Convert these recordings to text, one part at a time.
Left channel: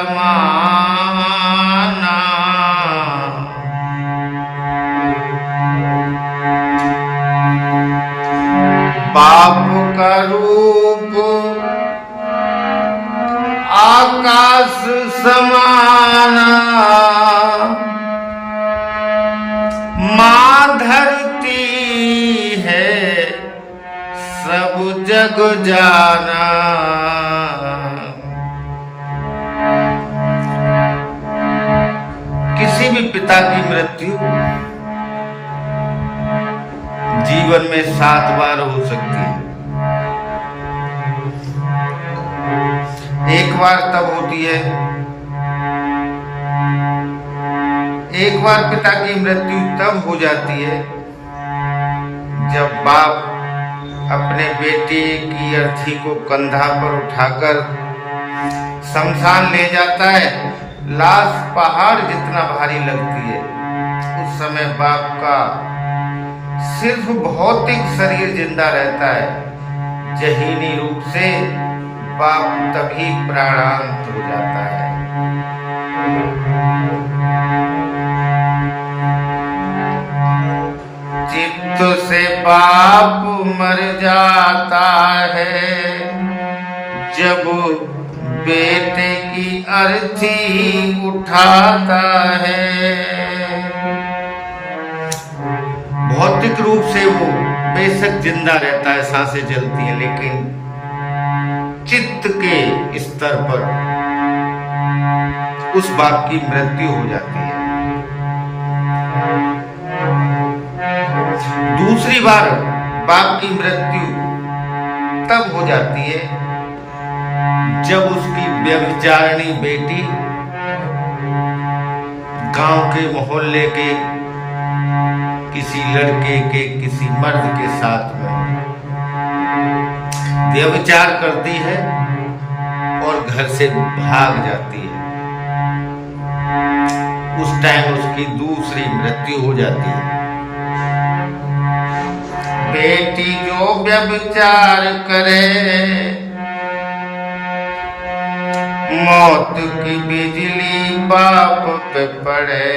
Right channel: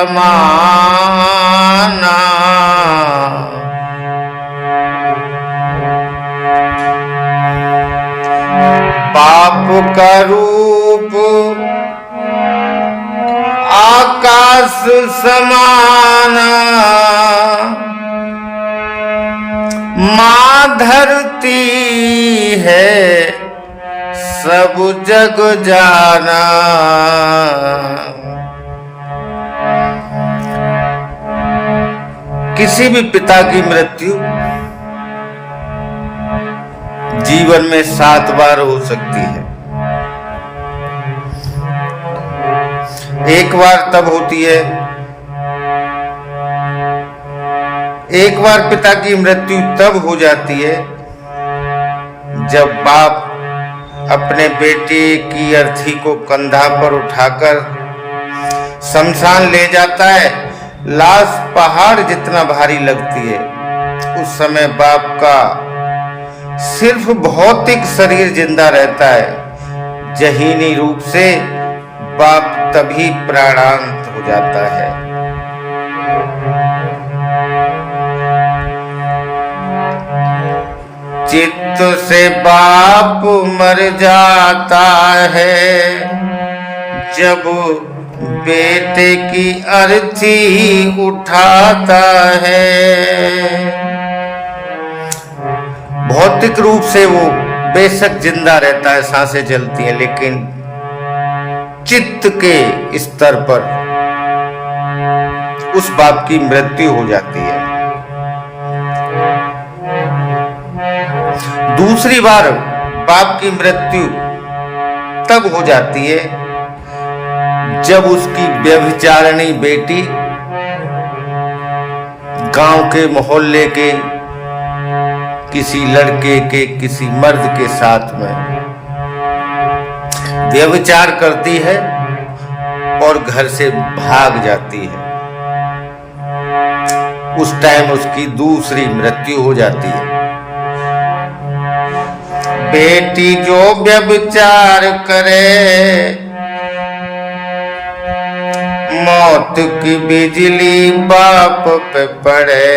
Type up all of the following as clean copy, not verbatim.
समाना। बाप का रूप आकाश समाना, माँ धरती है सब जग जाना। किसी भी पिता की मृत्यु जीवन में 7 बार हो सकती है। एक बार तब होती है, एक बार पिता की मृत्यु तब हो जाती है जब बाप अपने बेटे की अर्थी को कंधा पर उठाकर शमशान ले जाता है। लाश पहाड़ जितना भारी लगती है। उस समय बाप का सिर्फ भौतिक शरीर जिंदा रहता है। जहीनी रूप से बाप तभी प्राणांत हो जाता है। चित्त से बाप मर जाता है जब बेटे की अर्थी उठाता है। भौतिक रूप से वो बेशक जिंदा रहता है, सांसें चलती हैं, लेकिन चित्त के स्तर पर उस बाप की मृत्यु हो जाती है। दूसरी बार बाप की मृत्यु तब हो जाती है जब उसकी व्यभिचारिणी बेटी गांव के मोहल्ले के किसी लड़के के किसी मर्द के साथ में व्यभिचार करती है और घर से भाग जाती है। उस टाइम उसकी दूसरी मृत्यु हो जाती है। बेटी जो व्यभिचार करे मौत की बिजली बाप पे पड़े।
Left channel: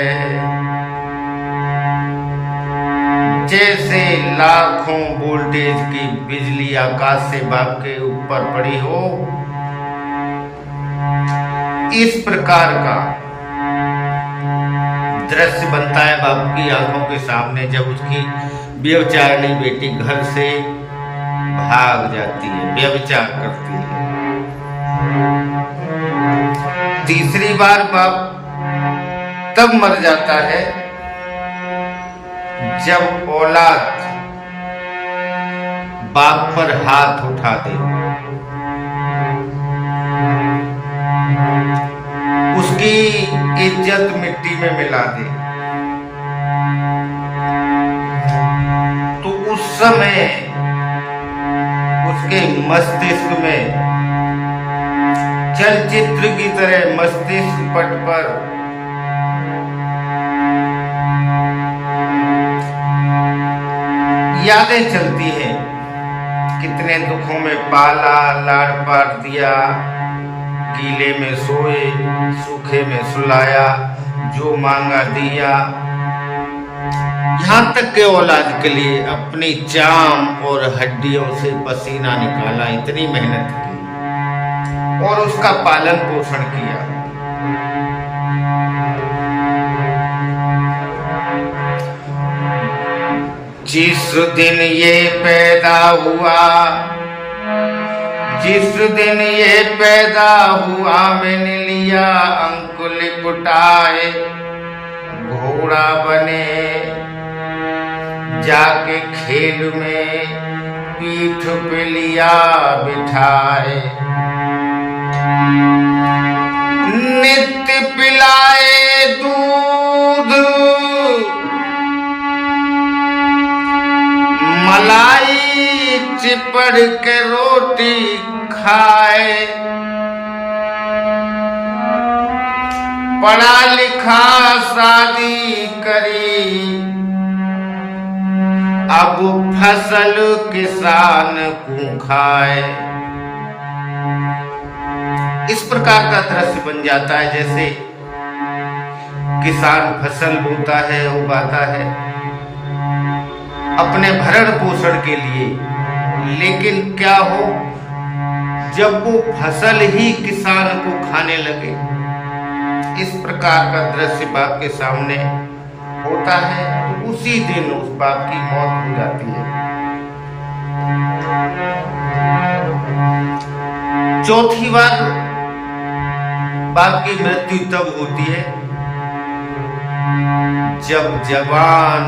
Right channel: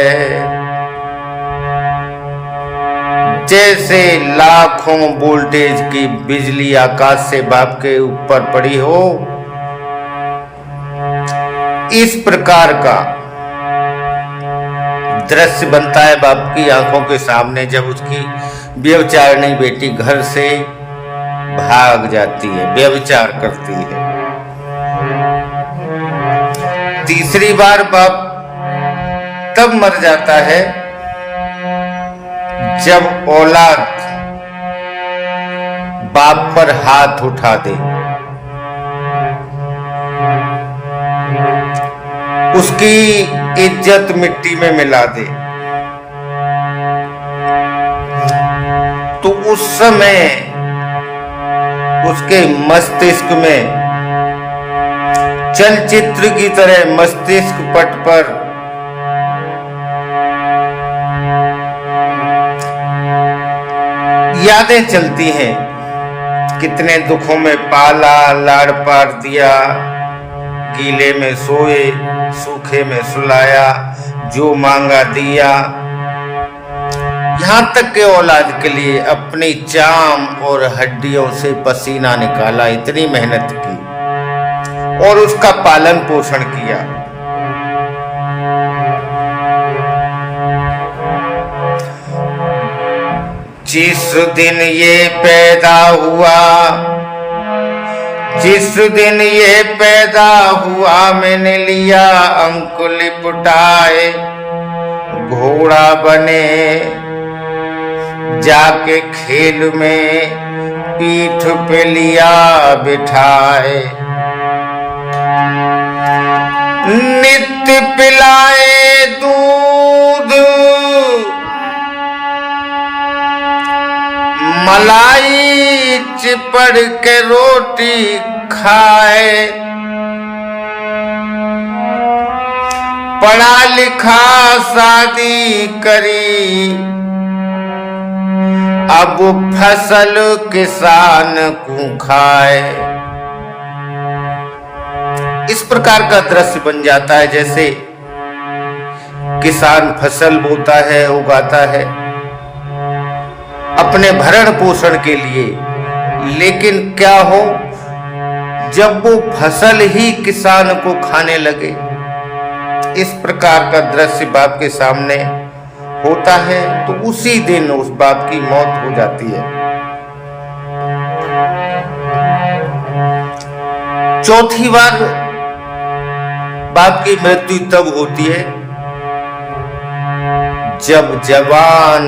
जैसे लाखों वोल्टेज की बिजली आकाश से बाप के ऊपर पड़ी हो, इस प्रकार का दृश्य बनता है बाप की आंखों के सामने जब उसकी व्यभिचारिणी बेटी घर से भाग जाती है, व्यभिचार करती है। तीसरी बार बाप तब मर जाता है जब औलाद बाप पर हाथ उठा दे, उसकी इज्जत मिट्टी में मिला दे, तो उस समय उसके मस्तिष्क में चलचित्र की तरह मस्तिष्क पट पर यादें चलती हैं। कितने दुखों में पाला, लाड़ पार दिया, गीले में सोए, सूखे में सुलाया, जो मांगा दिया। यहाँ तक के औलाद के लिए अपनी जान और हड्डियों से पसीना निकाला, इतनी मेहनत की और उसका पालन पोषण किया। जिस दिन ये पैदा हुआ, जिस दिन ये पैदा हुआ, मैंने लिया अंकुल पुटाए, घोड़ा बने जाके खेल में पीठ पे लिया बिठाए। नित्य पिलाए दूध, मलाई चिपड़ के रोटी खाए, पढ़ा लिखा शादी करी, अब फसल किसान को खाए। इस प्रकार का दृश्य बन जाता है जैसे किसान फसल बोता है, उगाता है अपने भरण पोषण के लिए, लेकिन क्या हो जब वो फसल ही किसान को खाने लगे। इस प्रकार का दृश्य बाप के सामने होता है तो उसी दिन उस बाप की मौत हो जाती है। चौथी बार बाप की मृत्यु तब होती है जब जवान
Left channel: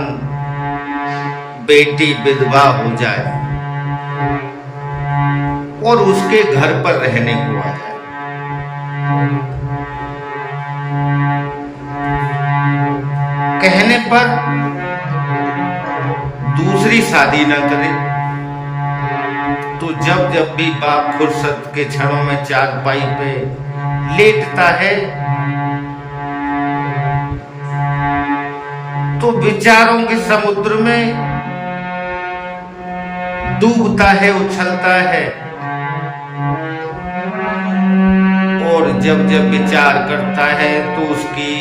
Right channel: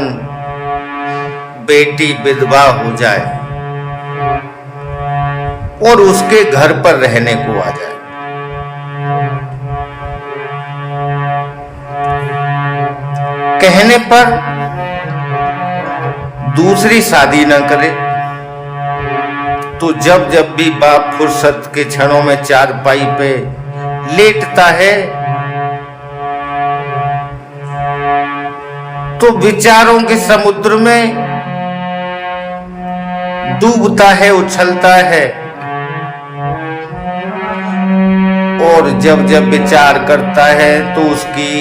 बेटी विधवा हो जाए और उसके घर पर रहने को आ जाए। कहने पर दूसरी शादी न करे तो जब जब भी बाप फुर्सत के क्षणों में चारपाई पे लेटता है तो विचारों के समुद्र में डूबता है, उछलता है और जब जब विचार करता है तो उसकी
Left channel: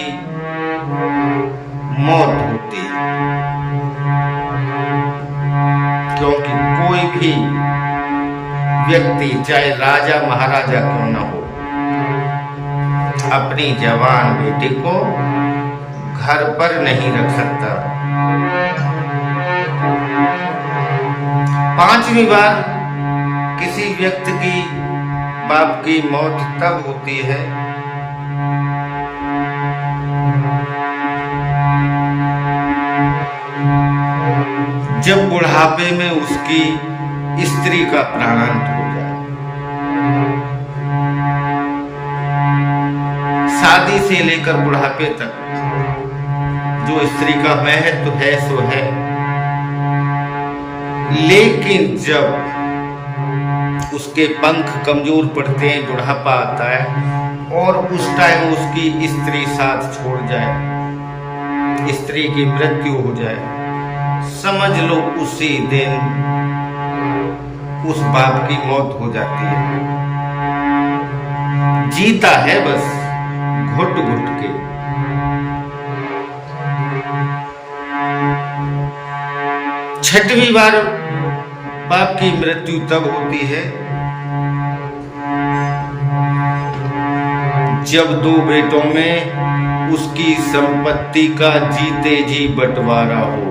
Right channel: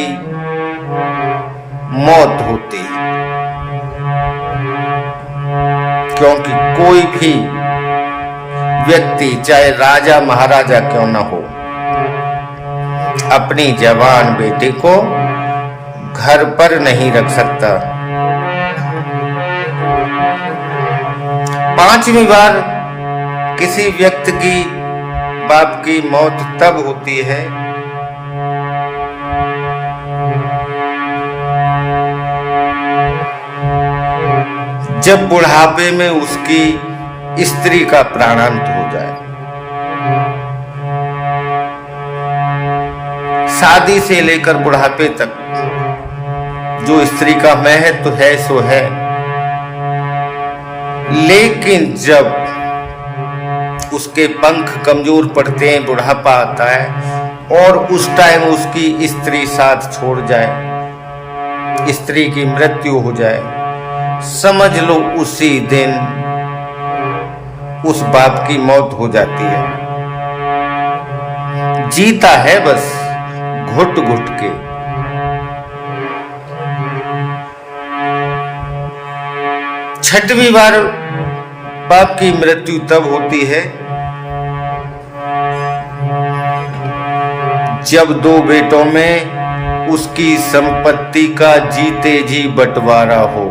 मौत होती है। क्योंकि कोई भी व्यक्ति चाहे राजा महाराजा क्यों न हो अपनी जवान बेटे को घर पर नहीं रख सकता। पांचवी बार किसी व्यक्ति की बाप की मौत तब होती है जब बुढ़ापे में उसकी स्त्री का प्राणांत हो जाए। शादी से लेकर बुढ़ापे तक जो स्त्री का महत्व है सो है, लेकिन जब उसके पंख कमजोर पड़ते हैं, बुढ़ापा आता है और उस टाइम उसकी स्त्री साथ छोड़ जाए, स्त्री की मृत्यु हो जाए, समझ लो उसी दिन उस बाप की मौत हो जाती है। जीता है बस घुट घुट के। छठवीं बार बाप की मृत्यु तब होती है जब दो बेटों में उसकी संपत्ति का जीते जी बंटवारा हो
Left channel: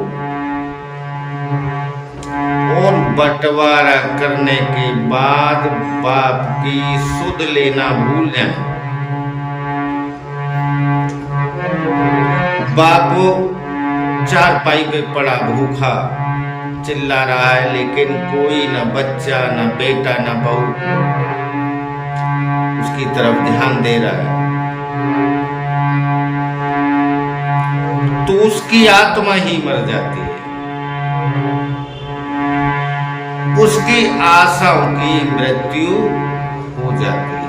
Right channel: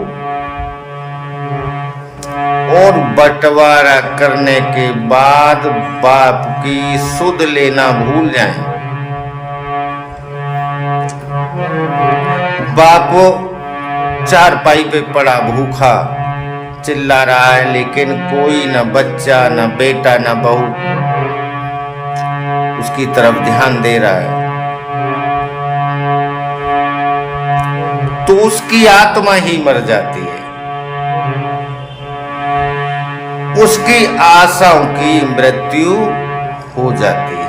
और बंटवारा करने के बाद बाप की सुध लेना भूल जाए। बाप चारपाई पे पड़ा भूखा चिल्ला रहा है, लेकिन कोई न बच्चा न बेटा न बहू उसकी तरफ ध्यान दे रहा है, तो उसकी आत्मा ही मर जाती है। उसकी आशाओं की मृत्यु हो जाती है।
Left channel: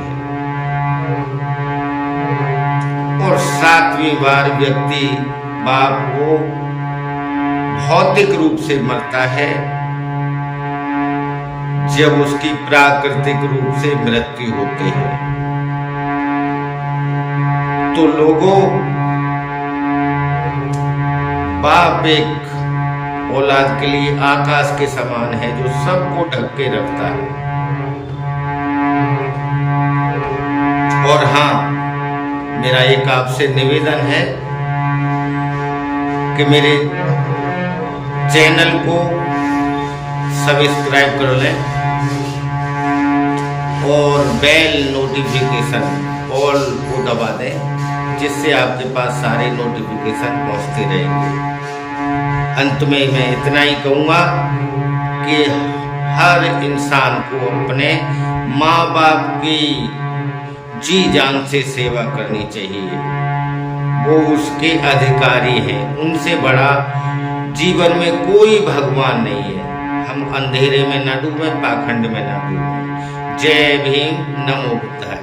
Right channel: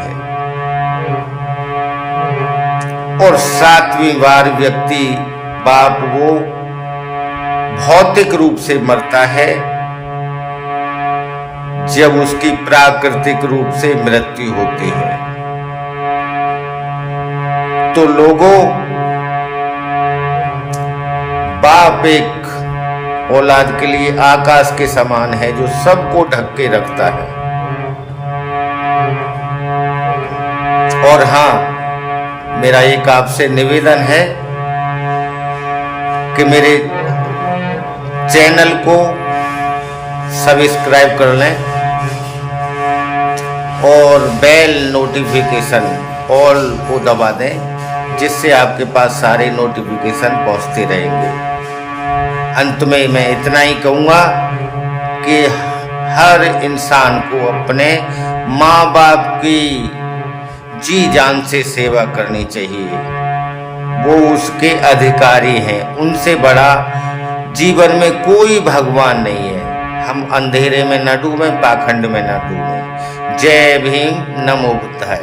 और सातवीं बार व्यक्ति बाप वो भौतिक रूप से मरता है जब उसकी प्राकृतिक रूप से मृत्यु होती है। तो लोगों, बाप एक औलाद के लिए आकाश के समान है जो सबको ढक के रखता है। और हाँ, मेरा एक आपसे निवेदन है कि मेरे चैनल को सब्सक्राइब कर लें और बेल नोटिफिकेशन ऑल को दबा दें, जिससे आपके पास सारे नोटिफिकेशन पहुंचते रहेंगे। अंत में मैं इतना ही कहूँगा कि हर इंसान को अपने माँ बाप की जी जान से सेवा करनी चाहिए। वो उसके अधिकारी हैं, उनसे बड़ा जीवन में कोई भगवान नहीं है। हम अंधेरे में न डूबें, पाखंड में न डूबें। जय भीम, नमो बुद्धाय।